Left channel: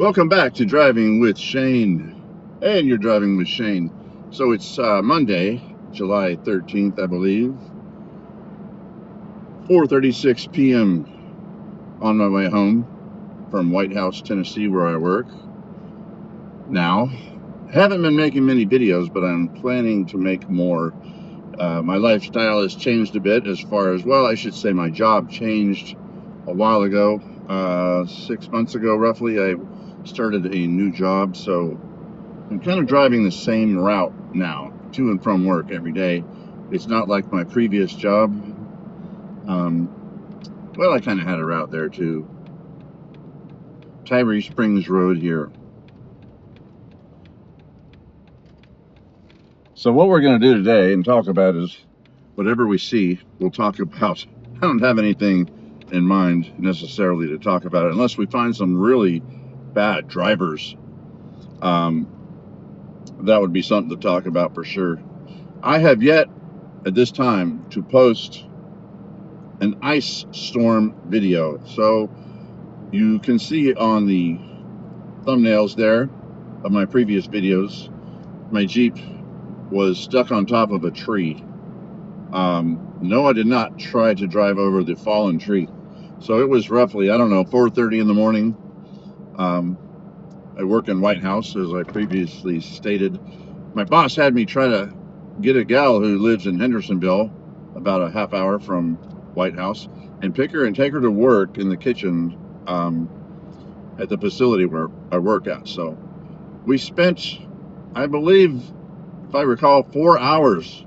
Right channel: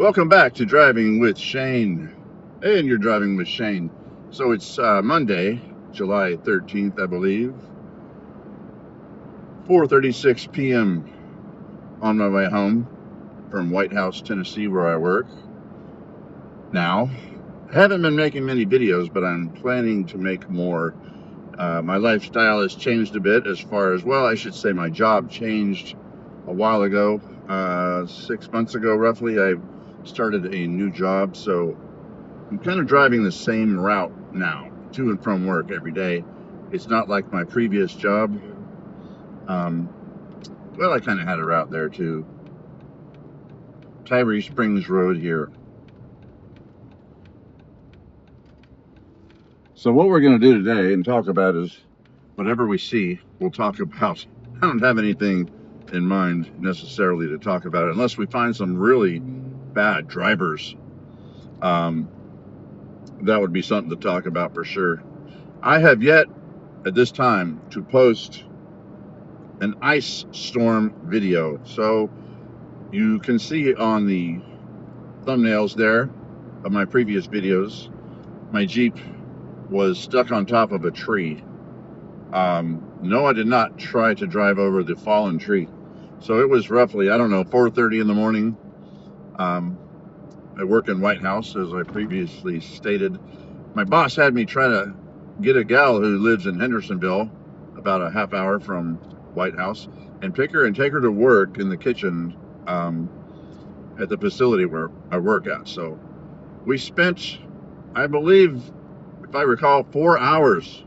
Welcome back to Driving with Shane. And you're driving with Shane. So it's Monday, July 13th, I believe. 4:36 p.m. on my way home from White House, Tennessee, where I work. Now, I haven't been making many videos, but I'm planning to make more. My lifestyle has changed a bit as far as, well, I should say my job changed a while ago. 6 months ago, roughly, I started a new job, so I'm kind of driving the same route now, to and from work every day. It's not like my previous job. Well, I kind of had a route there too. Tyree Springs Road here. So what we're going to do today and talk about is whatever we see, we'll talk about. I don't have anything in mind necessarily to talk about it unless we find some really bad drivers. That would be something to talk about for sure. I have yet at this time to post an ice storm video. So you can see on the thumbnails there of my previous videos, my Jeep was stuck on top of a tree. No, I did not try to drive over the fallen tree. So it was roughly, I don't know, 4:30 in the morning. I work in White House, as I previously stated. My boss had me try to get a gal who lives in Hendersonville, about a half hour from White House, and pick her and take her to work in the kitchen at the facility where I work at. So we spent, I believe, if I recall, 4 hours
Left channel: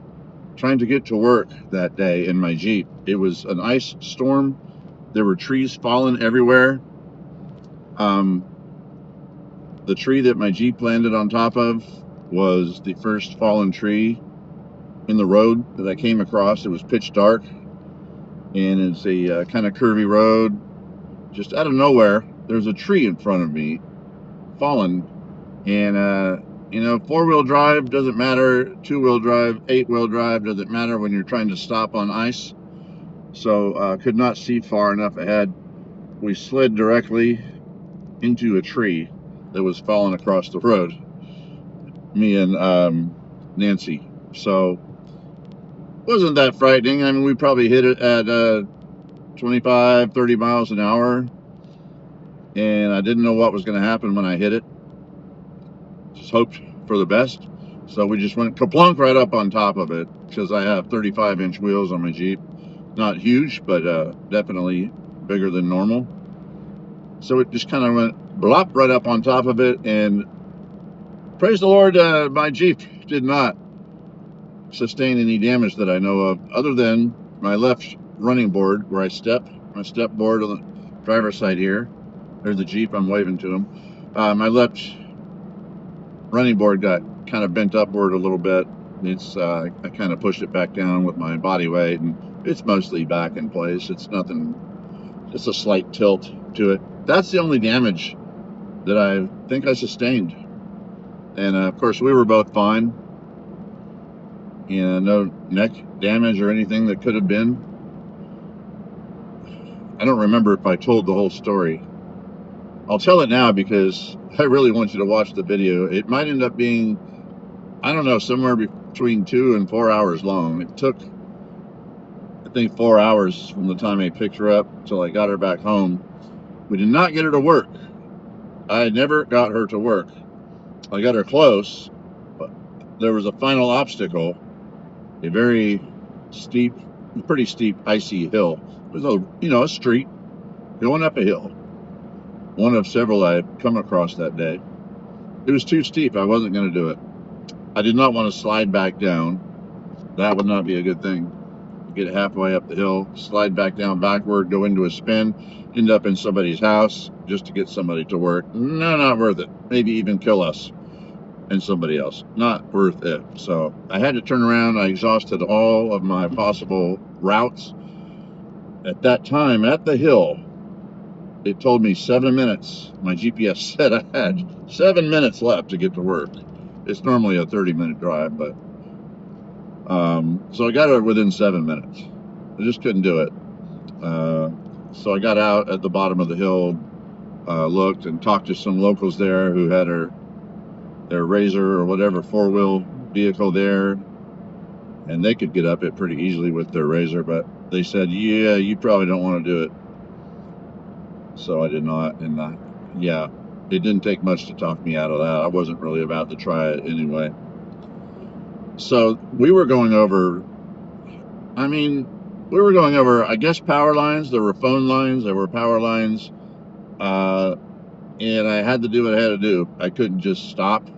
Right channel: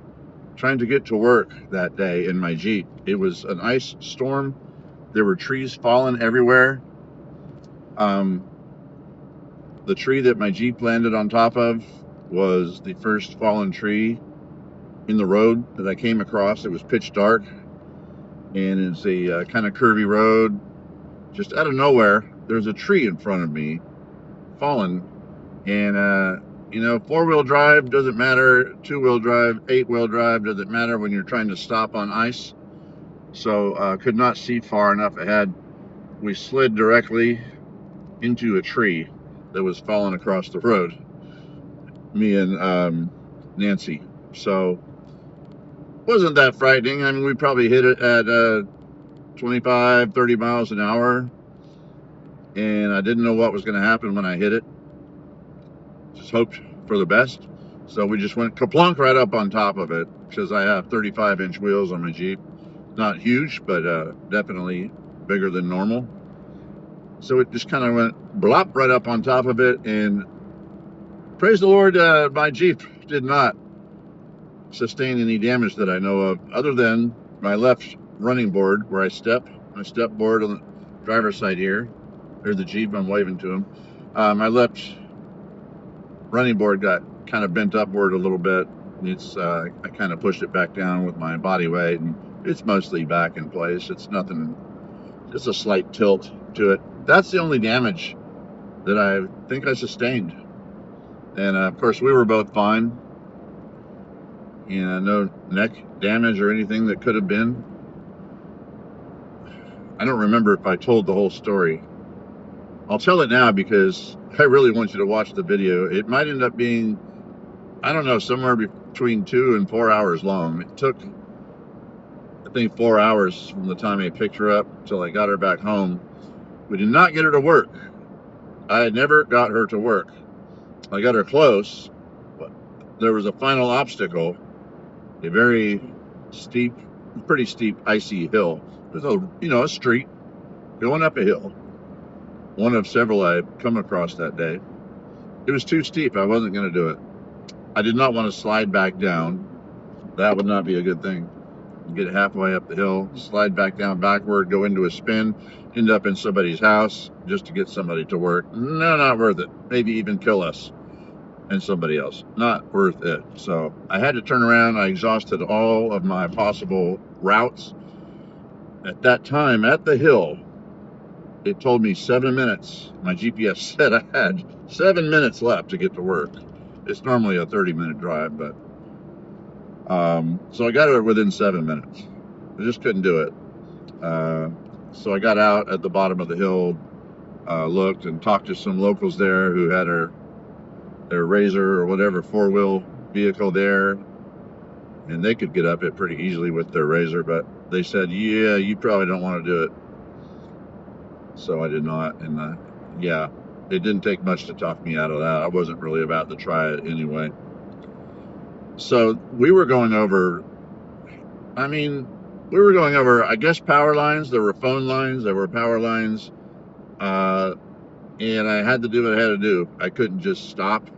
trying to get to work that day in my Jeep. It was an ice storm. There were trees falling everywhere. The tree that my Jeep landed on top of was the first fallen tree in the road that I came across. It was pitch dark, and it's a kind of curvy road. Just out of nowhere, there's a tree in front of me, fallen, and four-wheel drive doesn't matter, two-wheel drive, eight-wheel drive doesn't matter when you're trying to stop on ice. So could not see far enough ahead. We slid directly into a tree that was falling across the road, me and Nancy. So wasn't that frightening. I mean, we probably hit it at 25, 30 miles an hour, and I didn't know what was going to happen when I hit it. Just hoped for the best. So we just went kaplunk right up on top of it, because I have 35-inch wheels on my Jeep. Not huge, but definitely bigger than normal. So it just kind of went blop right up on top of it, and praise the Lord, my Jeep did not sustain any damage that I know of, other than my left running board where I step. My step board on the driver's side here. There's the Jeep, I'm waving to him. My left running board got kind of bent upward a little bit. It's I kind of pushed it back down with my body weight, and it's mostly back in place. It's nothing, just a slight tilt to it. That's the only damage that I think I sustained. And of course, we were both fine. No neck damage or anything that could have been. I don't remember if I told the whole story. I'll tell it now because I really want you to watch the video. It might end up being, I don't know, somewhere between 2 and 4 hours long. It took, I think, 4 hours from the time I picked her up till I got her back home. We did not get her to work. I never got her to work. I got her close, but there was a final obstacle, a very steep, pretty steep, icy hill. There's a street going up a hill. One of several I've come across that day. It was too steep. I wasn't going to do it. I did not want to slide back down. That would not be a good thing. Get halfway up the hill, slide back down backward, go into a spin, end up in somebody's house just to get somebody to work. No, not worth it. Maybe even kill us and somebody else. Not worth it. So I had to turn around. I exhausted all of my possible routes. At that time, at the hill, it told me 7 minutes. My GPS said I had 7 minutes left to get to work. It's normally a 30-minute drive, but so I got her within 7 minutes. I just couldn't do it. So I got out at the bottom of the hill, looked and talked to some locals there who had their Razor or whatever 4-wheel vehicle there, and they could get up it pretty easily with their Razor, but they said, yeah, you probably don't want to do it. So I did not, and yeah, it didn't take much to talk me out of that. I wasn't really about to try it anyway. So we were going over, I guess, power lines. There were phone lines, there were power lines, and I had to do what I had to do. I couldn't just stop.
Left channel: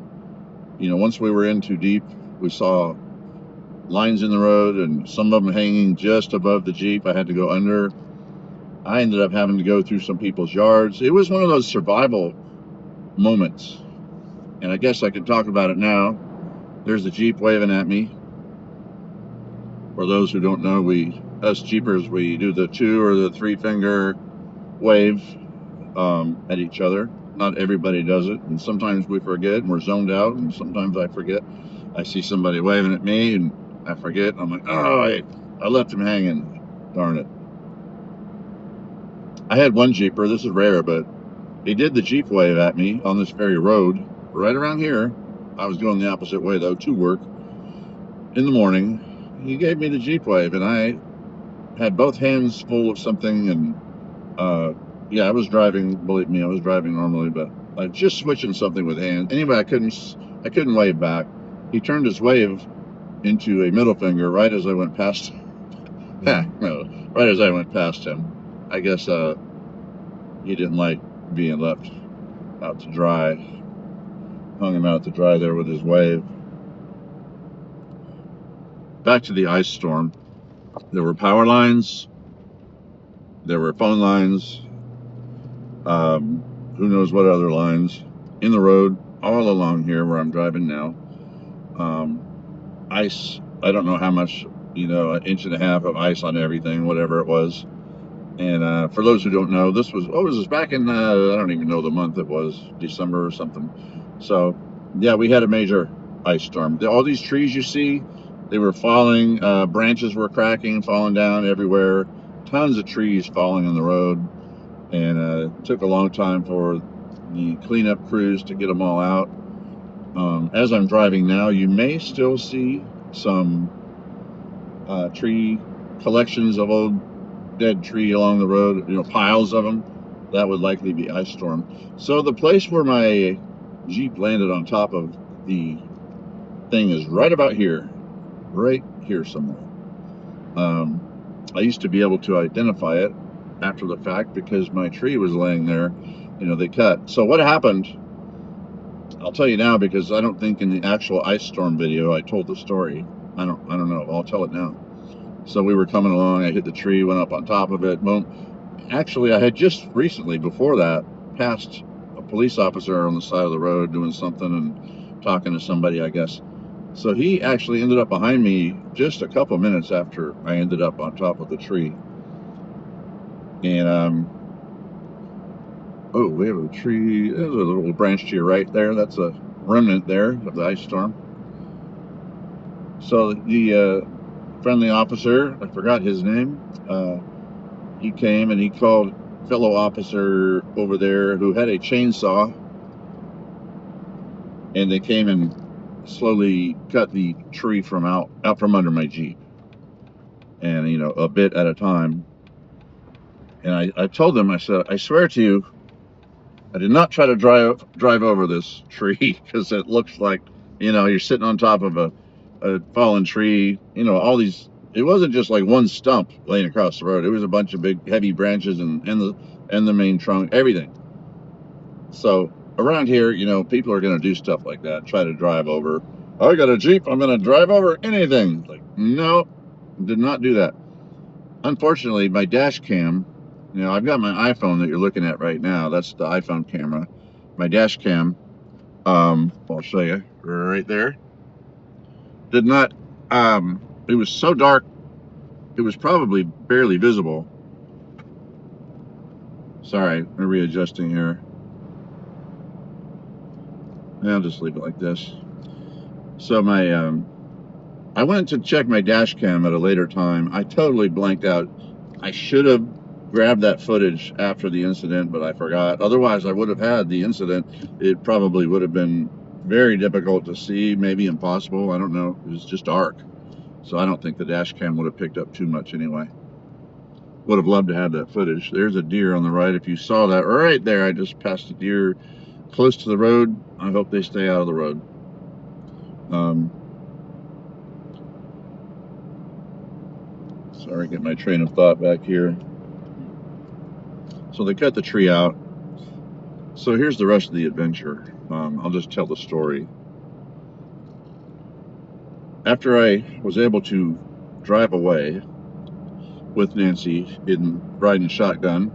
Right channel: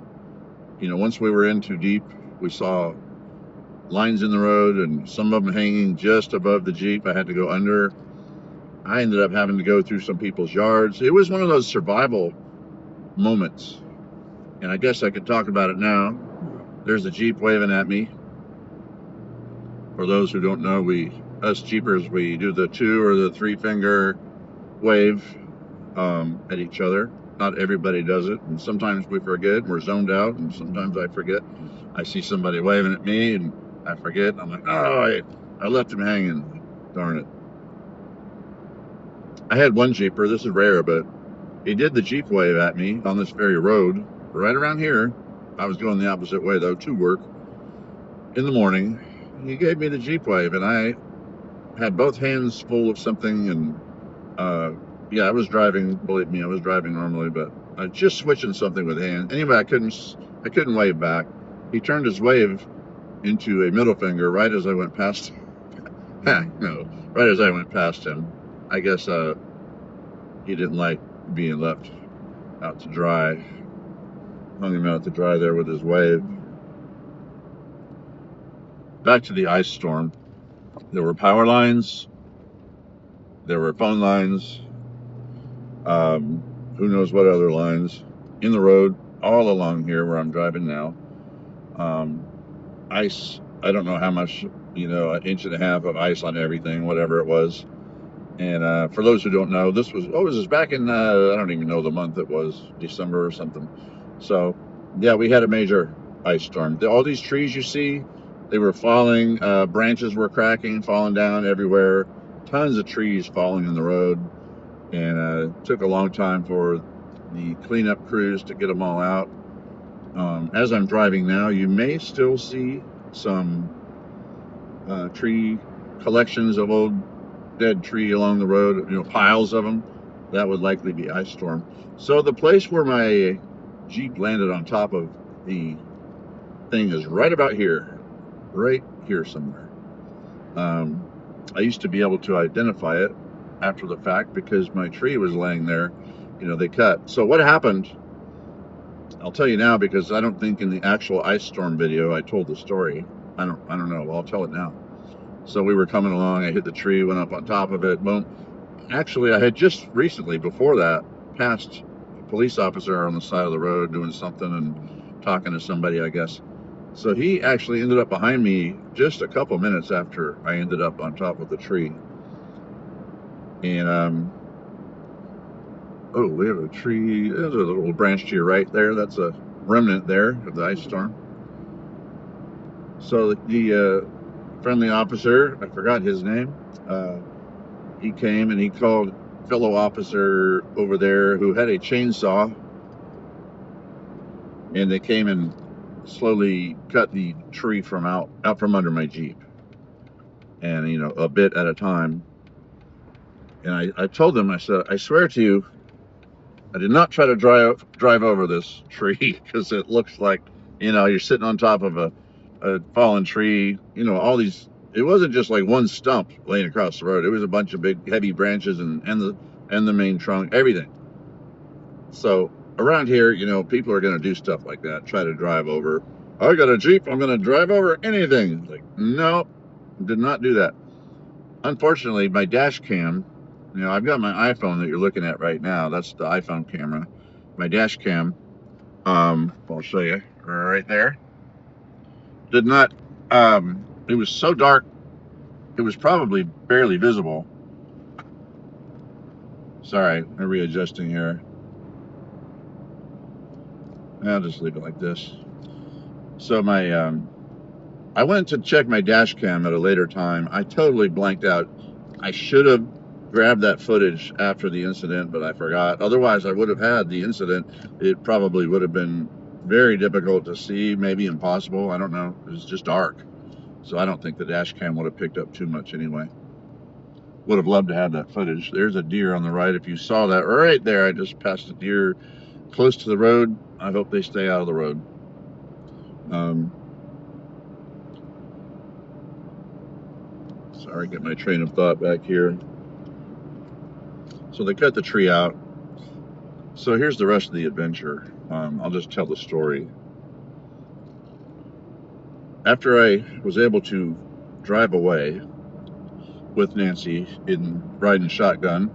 Once we were in too deep, we saw lines in the road, and some of them hanging just above the Jeep. I had to go under. I ended up having to go through some people's yards. It was one of those survival moments, and I guess I can talk about it now. There's the Jeep waving at me. For those who don't know, us Jeepers, we do the 2 or the 3 finger wave at each other. Not everybody does it, and sometimes we forget and we're zoned out, and sometimes I forget. I see somebody waving at me and I forget. I'm like, oh, I left him hanging. Darn it. I had one Jeeper, this is rare, but he did the Jeep wave at me on this very road, right around here. I was going the opposite way, though, to work in the morning. He gave me the Jeep wave, and I had both hands full of something, and yeah, I was driving, believe me, I was driving normally, but just switching something with hands. Anyway, I couldn't wave back. He turned his wave into a middle finger right as I went past him. Right as I went past him. I guess he didn't like being left out to dry. Hung him out to dry there with his wave. Back to the ice storm. There were power lines. There were phone lines. Who knows what other lines in the road all along here where I'm driving now. Ice. I don't know how much, an inch and a half of ice on everything, whatever it was. And for those who don't know, this was back in, I don't even know the month it was, December or something. So, yeah, we had a major ice storm. All these trees you see, they were falling, branches were cracking, falling down everywhere. Tons of trees falling on the road. And it took a long time for the cleanup crews to get them all out. As I'm driving now, you may still see some tree collections of old dead tree along the road, piles of them. That would likely be ice storm. So the place where my Jeep landed on top of the thing is right about here, right here somewhere. I used to be able to identify it after the fact because my tree was laying there, they cut. So what happened, I'll tell you now, because I don't think in the actual ice storm video I told the story. I don't know, I'll tell it now. So we were coming along, I hit the tree, went up on top of it, boom. Actually, I had just recently, before that, passed a police officer on the side of the road doing something and talking to somebody, I guess. So he actually ended up behind me just a couple minutes after I ended up on top of the tree. And, oh, we have a tree, there's a little branch to your right there, that's a remnant there of the ice storm. So the friendly officer, I forgot his name, he came and he called fellow officer over there who had a chainsaw, and they came and slowly cut the tree from out from under my Jeep, and a bit at a time. And I told them, I said, I swear to you, I did not try to drive over this tree, because it looks like you're sitting on top of a fallen tree. All these, it wasn't just like one stump laying across the road. It was a bunch of big heavy branches and the main trunk, everything. So around here, people are going to do stuff like that, try to drive over. I got a Jeep, I'm going to drive over anything. Like, no, did not do that. Unfortunately, my dash cam, I've got my iPhone that you're looking at right now. That's the iPhone camera. My dash cam, I'll show you right there. Did not, it was so dark, it was probably barely visible. Sorry, I'm readjusting here. I'll just leave it like this. So I went to check my dash cam at a later time. I totally blanked out. I should have grab that footage after the incident, but I forgot. Otherwise, I would have had the incident. It probably would have been very difficult to see, maybe impossible. I don't know. It was just dark. So I don't think the dash cam would have picked up too much anyway. Would have loved to have that footage. There's a deer on the right. If you saw that right there, I just passed a deer close to the road. I hope they stay out of the road. Sorry, get my train of thought back here. So they cut the tree out. So here's the rest of the adventure. I'll just tell the story. After I was able to drive away with Nancy in riding shotgun,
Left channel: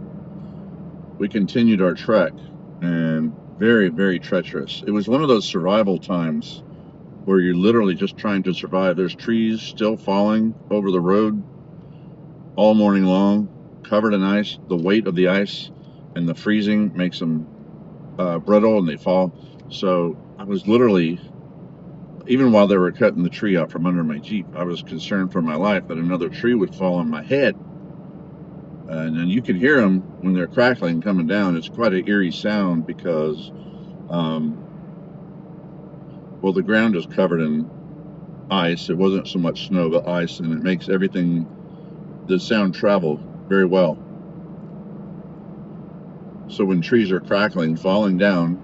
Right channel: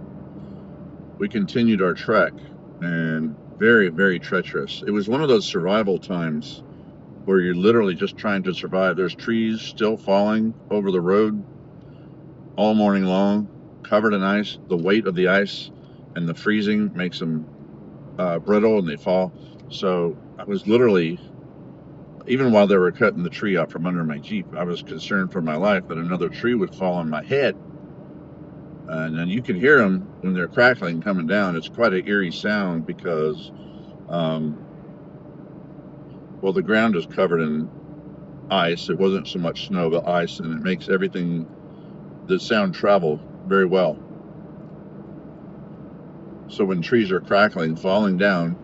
we continued our trek, and very, very treacherous. It was one of those survival times where you're literally just trying to survive. There's trees still falling over the road all morning long, covered in ice. The weight of the ice and the freezing makes them brittle, and they fall. So I was literally, even while they were cutting the tree out from under my Jeep, I was concerned for my life that another tree would fall on my head. And then you can hear them when they're crackling coming down. It's quite an eerie sound because, well, the ground is covered in ice. It wasn't so much snow, but ice, and it makes everything, the sound travel very well. So when trees are crackling, falling down,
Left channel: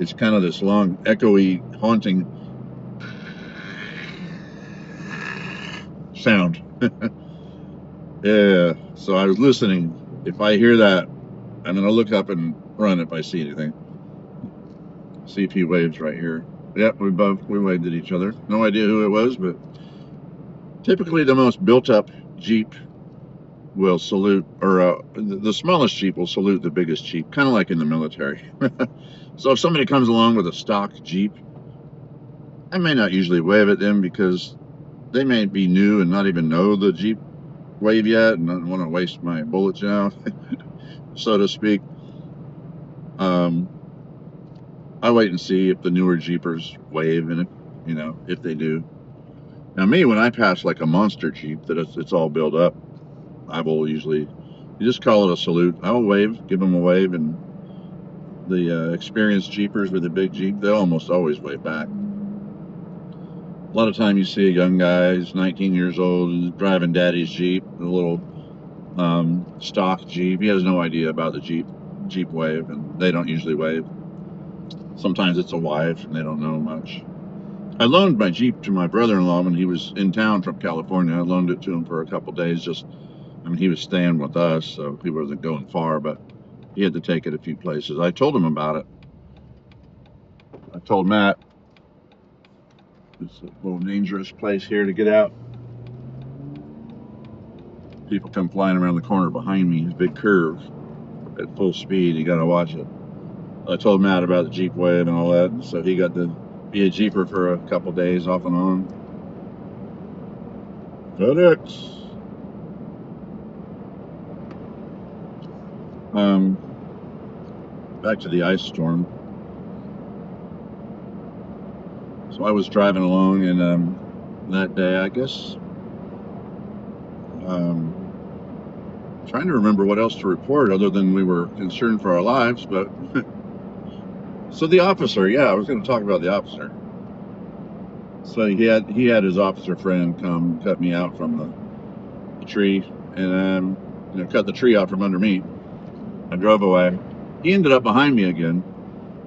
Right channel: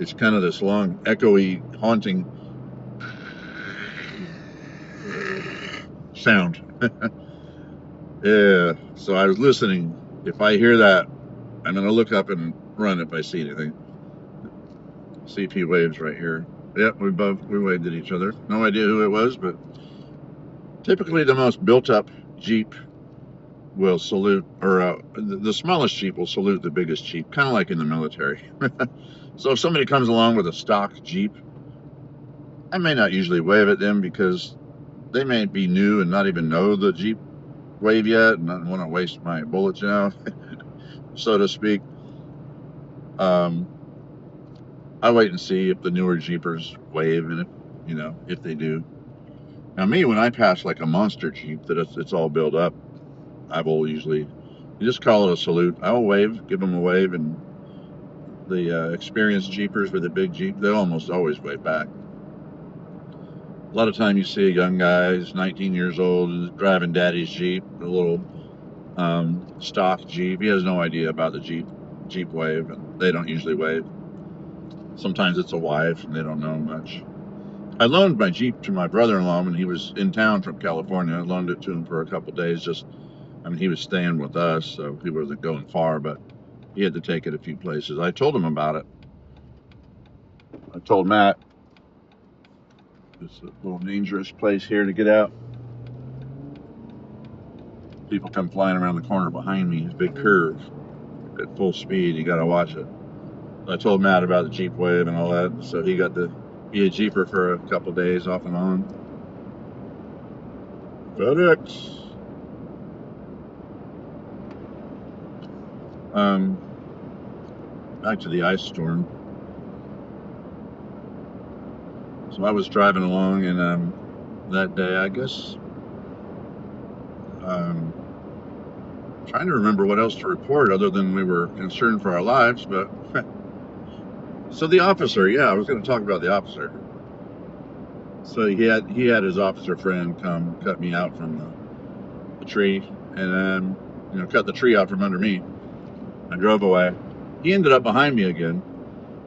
it's kind of this long, echoey, haunting sound. Yeah, so I was listening. If I hear that, I'm going to look up and run if I see anything. CP waves right here. Yep, we waved at each other. No idea who it was, but typically the most built-up Jeep will salute, or the smallest Jeep will salute the biggest Jeep, kind of like in the military. So if somebody comes along with a stock Jeep, I may not usually wave at them because they may be new and not even know the Jeep wave yet, and I don't want to waste my bullets, you know, so to speak. I wait and see if the newer Jeepers wave, and if, you know, if they do. Now me, when I pass like a monster Jeep that it's all built up, I will usually, you just call it a salute. I will wave, give them a wave, and the experienced Jeepers with a big Jeep, they almost always wave back. A lot of time you see a young guy, he's 19 years old, driving daddy's Jeep, a little stock Jeep. He has no idea about the Jeep wave, and they don't usually wave. Sometimes it's a wife, and they don't know much. I loaned my Jeep to my brother-in-law when he was in town from California. I loaned it to him for a couple days. Just, I mean, he was staying with us, so he wasn't going far, but he had to take it a few places. I told him about it. I told Matt, it's a little dangerous place here to get out. People come flying around the corner behind me. It's a big curve at full speed. You got to watch it. I told Matt about the Jeep wave and all that, so he got to be a Jeeper for a couple days off and on. FedEx. Back to the ice storm. So I was driving along, and that day, I guess, trying to remember what else to report other than we were concerned for our lives, but so the officer, yeah, I was going to talk about the officer. So he had his officer friend come cut me out from the tree, and you know, cut the tree out from under me. I drove away. He ended up behind me again,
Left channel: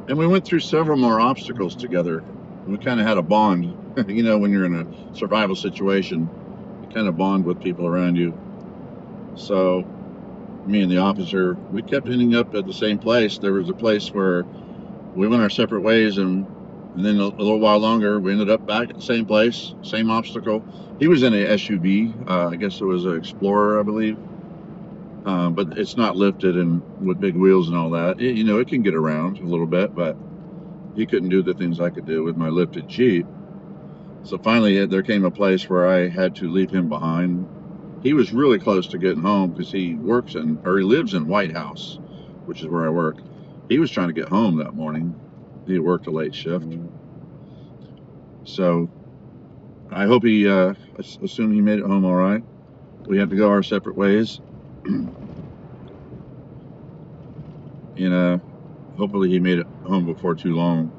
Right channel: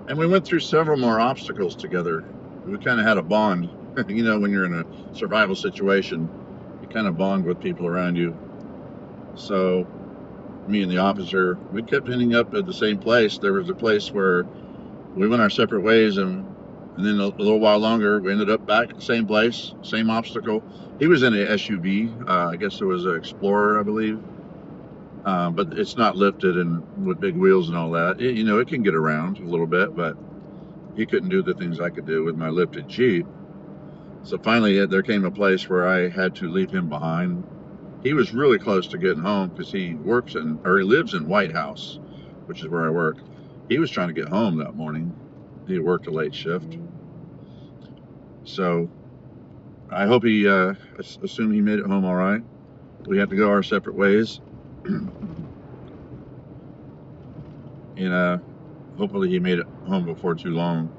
and we went through several more obstacles together. We kind of had a bond. You know, when you're in a survival situation, you kind of bond with people around you. So me and the officer, we kept ending up at the same place. There was a place where we went our separate ways, and then a little while longer, we ended up back at the same place, same obstacle. He was in a SUV. I guess it was an Explorer, I believe. But it's not lifted and with big wheels and all that. You know, it can get around a little bit, but he couldn't do the things I could do with my lifted Jeep. So finally, there came a place where I had to leave him behind. He was really close to getting home because he lives in White House, which is where I work. He was trying to get home that morning. He worked a late shift. So I hope assume he made it home all right. We had to go our separate ways. and hopefully he made it home before too long.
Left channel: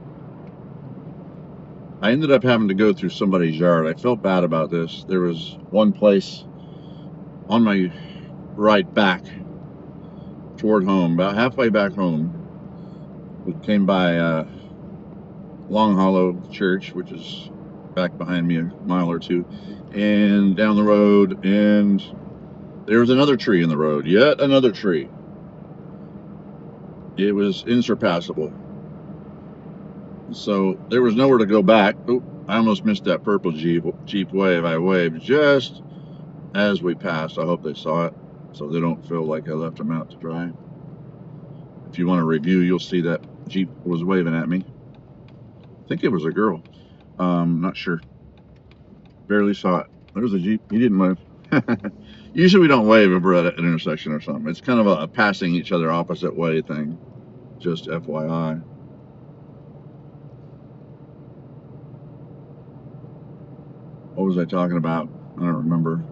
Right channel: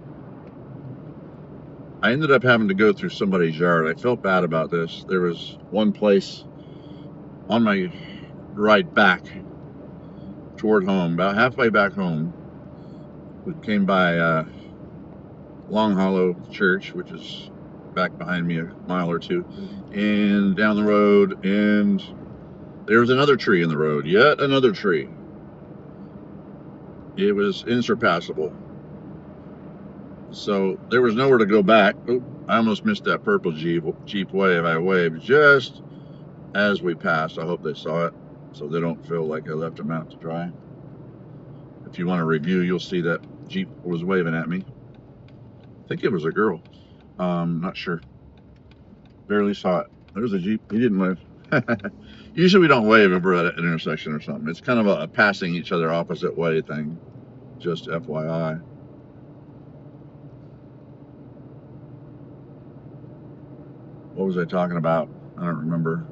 I ended up having to go through somebody's yard. I felt bad about this. There was one place on my ride back toward home, about halfway back home. We came by Long Hollow Church, which is back behind me a mile or two, and down the road, and there was another tree in the road, yet another tree. It was insurpassable. So there was nowhere to go back. Oh, I almost missed that purple Jeep wave. I waved just as we passed. I hope they saw it so they don't feel like I left them out to dry. If you want to review, you'll see that Jeep was waving at me. I think it was a girl. Not sure. Barely saw it. There's a Jeep. He didn't wave. Usually we don't wave if we're at an intersection or something. It's kind of a passing each other opposite way thing. Just FYI. What was I talking about? I don't remember.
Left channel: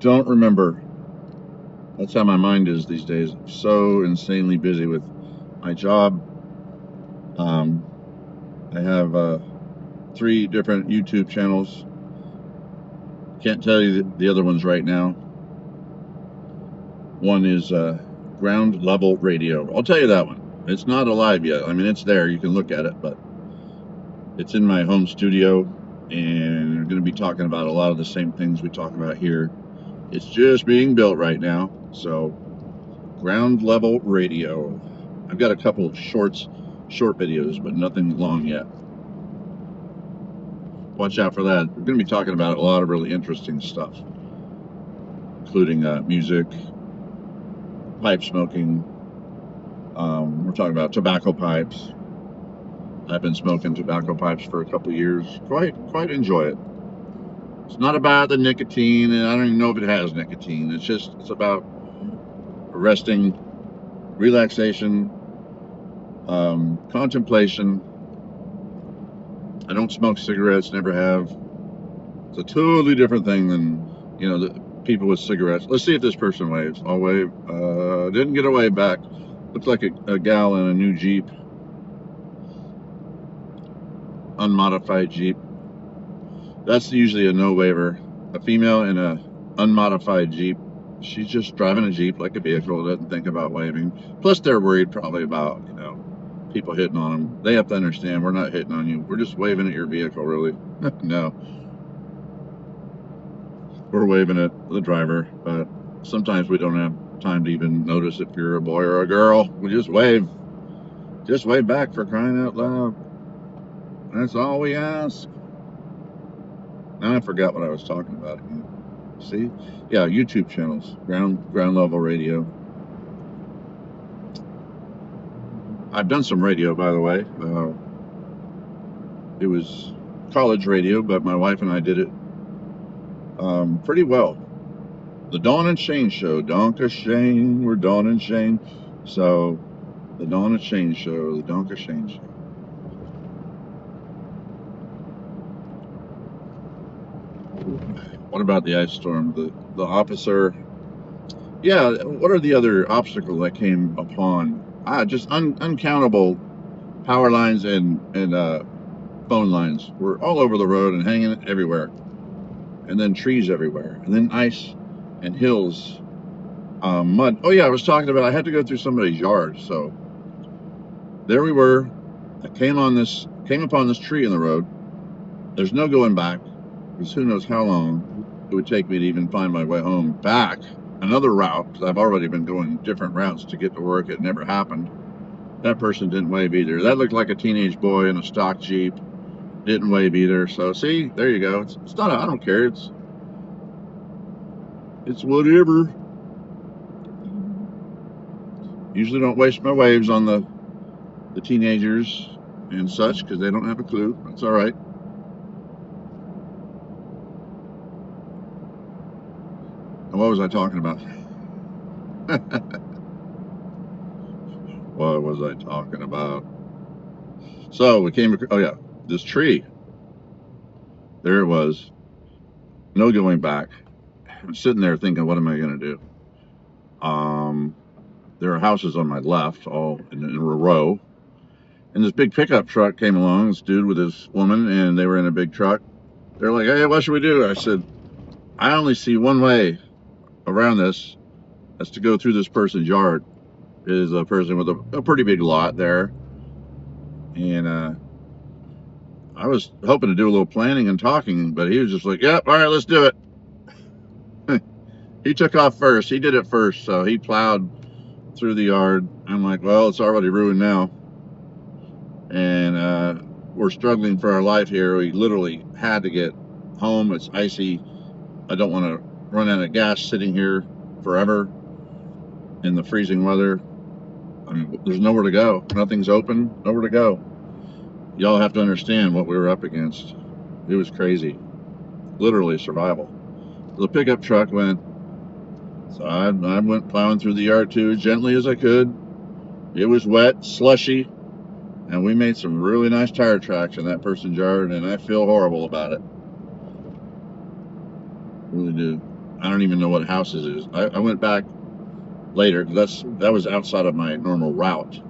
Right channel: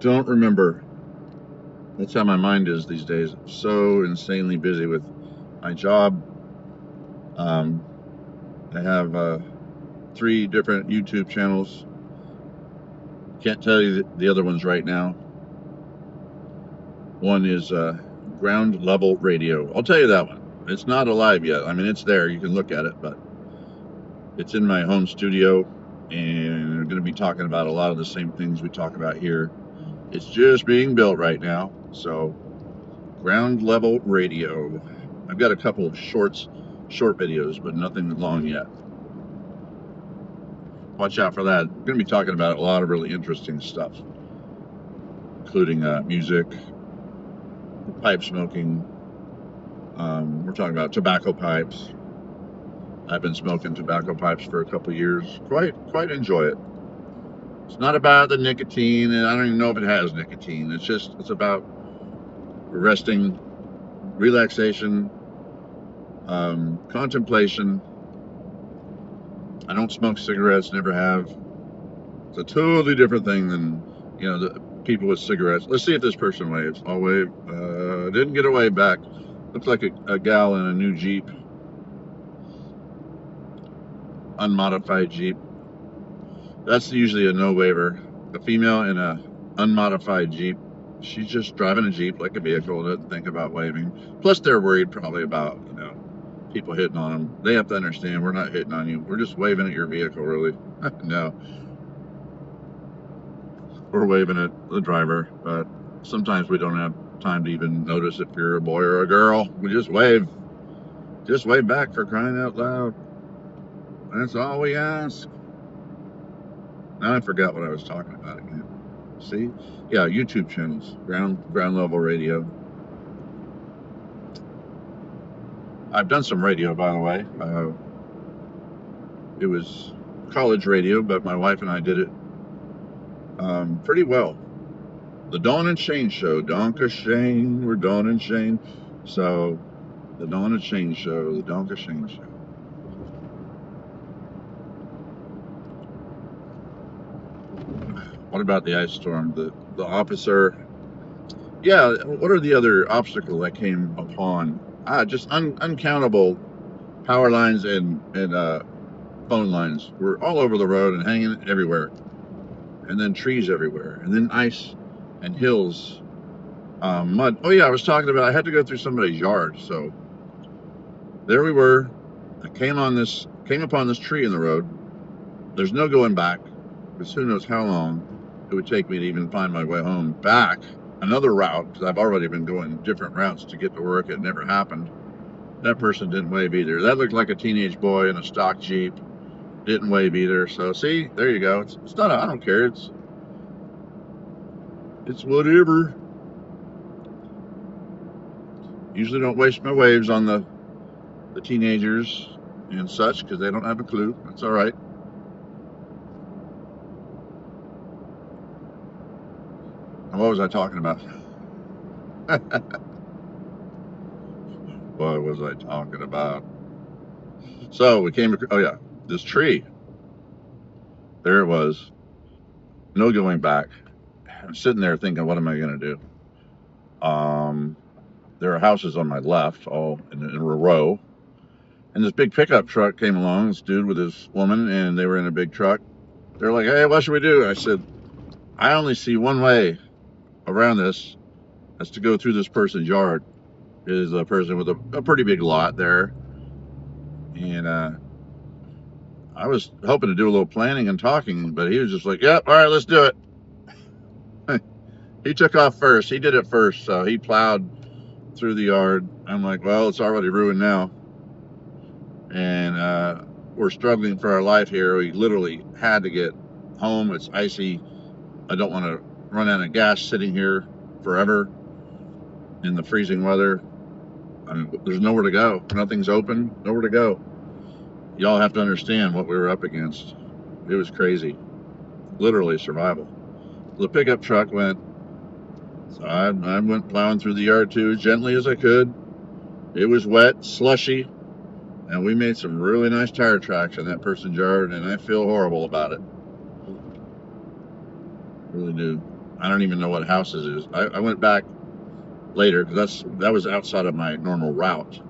Don't remember. That's how my mind is these days. I'm so insanely busy with my job. I have 3 different YouTube channels. Can't tell you the other ones right now. One is Ground Level Radio. I'll tell you that one. It's not alive yet. I mean, it's there. You can look at it, but it's in my home studio, and we're going to be talking about a lot of the same things we talk about here. It's just being built right now. So, Ground Level Radio. I've got a couple of short videos, but nothing long yet. Watch out for that. We're going to be talking about a lot of really interesting stuff, including music, pipe smoking. We're talking about tobacco pipes. I've been smoking tobacco pipes for a couple of years. Quite enjoy it. It's not about the nicotine, and I don't even know if it has nicotine. It's about resting, relaxation, contemplation. I don't smoke cigarettes, never have. It's a totally different thing than, the people with cigarettes. Let's see if this person waves. I'll wave. Didn't get a wave back. Looks like a gal in a new Jeep. Unmodified Jeep. That's usually a no waiver. A female in a unmodified Jeep. She's just driving a Jeep like a vehicle, doesn't think about waving. Plus they're worried probably about, people hitting on them. They have to understand we're not hitting on you. We're just waving at your vehicle, really. No. We're waving at the driver, but sometimes we don't have time to even notice if you're a boy or a girl. We just wave. Just wave back, for crying out loud. That's all we ask. Now I forgot what I was talking about again. See? Yeah, YouTube channels. Ground Level Radio. I've done some radio, by the way. It was college radio, but my wife and I did it pretty well. The Dawn and Shane Show. Donka Shane. We're Dawn and Shane. So, the Dawn and Shane Show. The Donka Shane Show. What about the ice storm? The officer. Yeah, what are the other obstacles that came upon? Just uncountable power lines and phone lines were all over the road and hanging everywhere. And then trees everywhere. And then ice and hills, mud. Oh yeah, I was talking about I had to go through somebody's yard. So there we were. I came upon this tree in the road. There's no going back, because who knows how long it would take me to even find my way home back. Another route, because I've already been going different routes to get to work. It never happened. That person didn't wave either. That looked like a teenage boy in a stock Jeep. Didn't wave either. So see, there you go. It's not. I don't care. It's whatever. Usually don't waste my waves on the teenagers and such, because they don't have a clue. That's all right. And what was I talking about? What was I talking about? So we came, oh yeah, this tree. There it was. No going back. I'm sitting there thinking, what am I going to do? There are houses on my left, all in a row. And this big pickup truck came along, this dude with his woman, and they were in a big truck. They're like, hey, what should we do? I said, I only see one way around this. That's to go through this person's yard. It is a person with a pretty big lot there. And I was hoping to do a little planning and talking, but he was just like, yep, all right, let's do it. He took off first. He did it first, so he plowed through the yard. I'm like, well, it's already ruined now. And we're struggling for our life here. We literally had to get home. It's icy. I don't want to run out of gas sitting here forever in the freezing weather. I mean, there's nowhere to go. Nothing's open. Nowhere to go. Y'all have to understand what we were up against. It was crazy. Literally survival. The pickup truck went. So I went plowing through the yard too, as gently as I could. It was wet, slushy, and we made some really nice tire tracks in that person's yard, and I feel horrible about it. Really do. I don't even know what house this is. I went back later because that was outside of my normal route.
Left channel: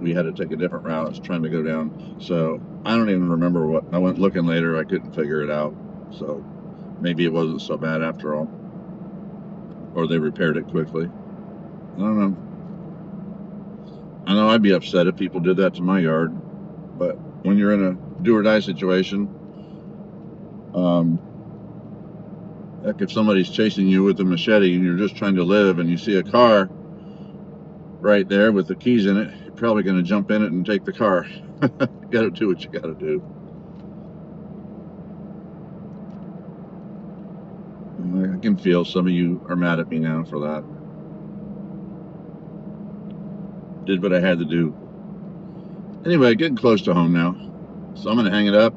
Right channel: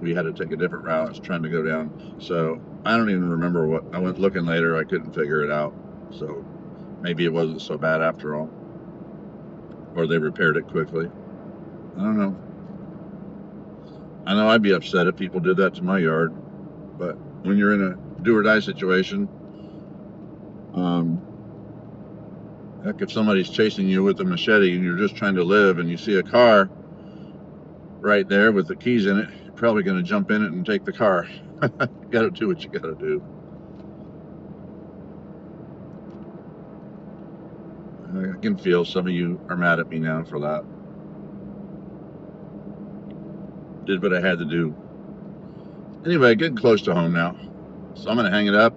We had to take a different route. I was trying to go down, so I don't even remember what. I went looking later. I couldn't figure it out. So maybe it wasn't so bad after all, or they repaired it quickly. I don't know. I know I'd be upset if people did that to my yard, but when you're in a do or die situation, heck, if somebody's chasing you with a machete and you're just trying to live and you see a car right there with the keys in it, you're probably going to jump in it and take the car. You got to do what you got to do. I can feel some of you are mad at me now for that. Did what I had to do. Anyway, getting close to home now, so I'm going to hang it up.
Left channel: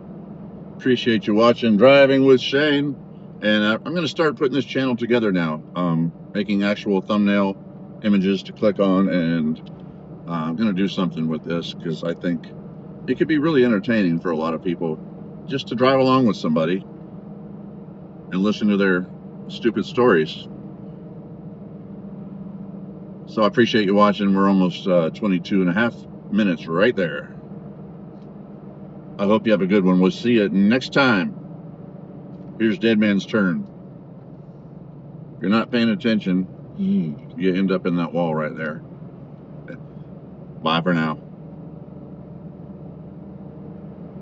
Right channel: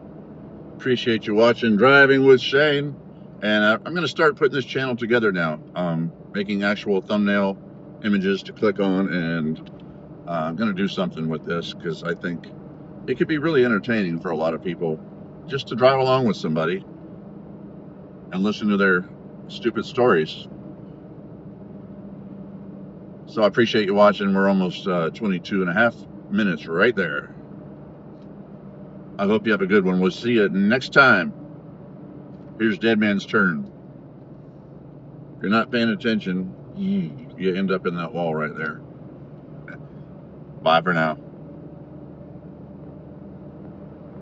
Appreciate you watching Driving with Shane, and I'm going to start putting this channel together now, making actual thumbnail images to click on, and I'm going to do something with this because I think it could be really entertaining for a lot of people just to drive along with somebody and listen to their stupid stories. So I appreciate you watching. We're almost 22 and a half minutes right there. I hope you have a good one. We'll see you next time. Here's Dead Man's Turn. If you're not paying attention, you end up in that wall right there. Bye for now.